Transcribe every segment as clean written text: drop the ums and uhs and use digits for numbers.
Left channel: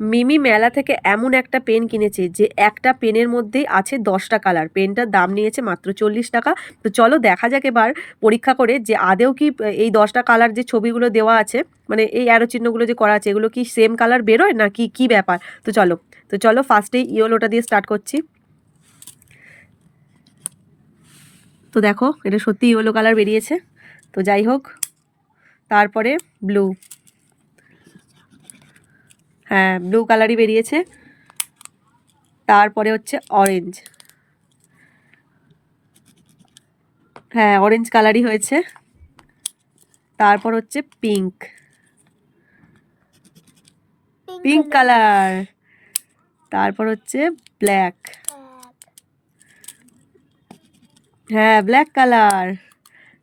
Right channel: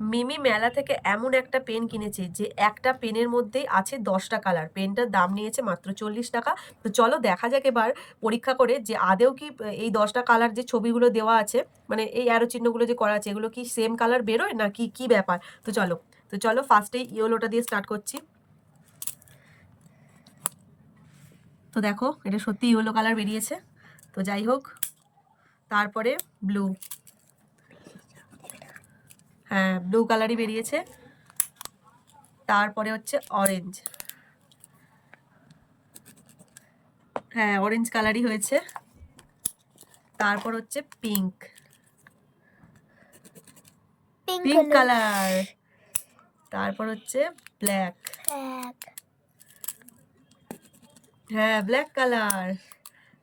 মিমি মেলা থেকে এমন একটা পেন কিনেছে যে একটা পেনের মধ্যেই আছে 10টা কালার। পেনটার দাম নিয়েছে মাত্র 40 টাকা। তো চলো দেখা যাক এবার পরীক্ষা করে যে আদেও কি এই 10টা কালার যে ছবিগুলো দেওয়া আছে, মানে এই অ্যারো চিহ্নগুলো যে করা আছে, এগুলো কি সেম কালার বেরোয় না কি ব্যাপার। তো চলো ফার্স্টেই ইয়েলোটা দিয়ে স্টার্ট করছি। তো দেখো এটা সত্যি ইয়েলো কালার বেরিয়েছে। তো যাই হোক, তারপরে ব্লু, হ্যাঁ ব্লু কালারই বেরিয়েছে। তারপরে হচ্ছে অরেঞ্জ, হ্যাঁ অরেঞ্জ কালারই হয়েছে। তারপর হচ্ছে পিঙ্ক, পিঙ্ক কালার। তারপর হচ্ছে ব্ল্যাক, হ্যাঁ ব্ল্যাক কালার।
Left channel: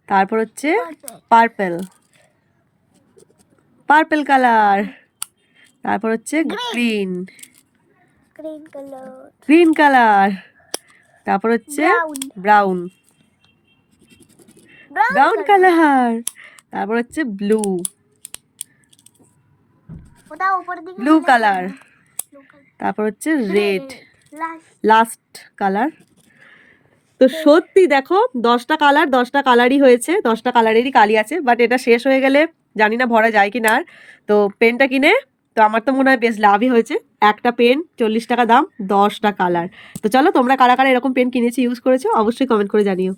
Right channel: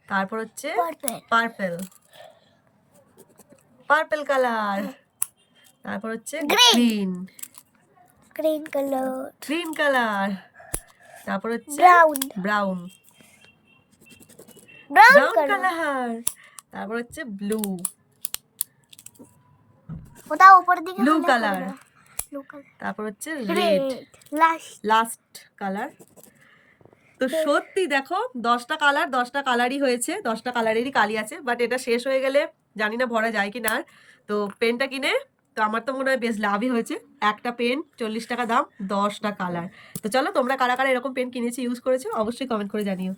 তারপর হচ্ছে পার্পল, পার্পল কালার। তারপর হচ্ছে green, green colour. Green colour. তারপর হচ্ছে ব্রাউন, ব্রাউন কালার। তারপর হচ্ছে ব্লু, ওটা উপরের দিকে ব্লু কালার। তারপর হচ্ছে রেড, লাস্ট কালার। তো সত্যি দেখো 10টা কালার, 10টা কালারই হয়েছে, 10টা কালারেরই কালি আছে। বাট এটা শেষ হয়ে গেলে জানি না ভরা যায় কি না। আর তো পেনটা কিনে তো আমার তো মনে হয় বেশ লাভই হয়েছে। একটা পেন 40 টাকা দাম, 10টা কালার। তো চলো তোমরা কারা কারা এরকম পেন কিনেছি, ইউজ করেছো, অবশ্যই কমেন্ট করে জানিও।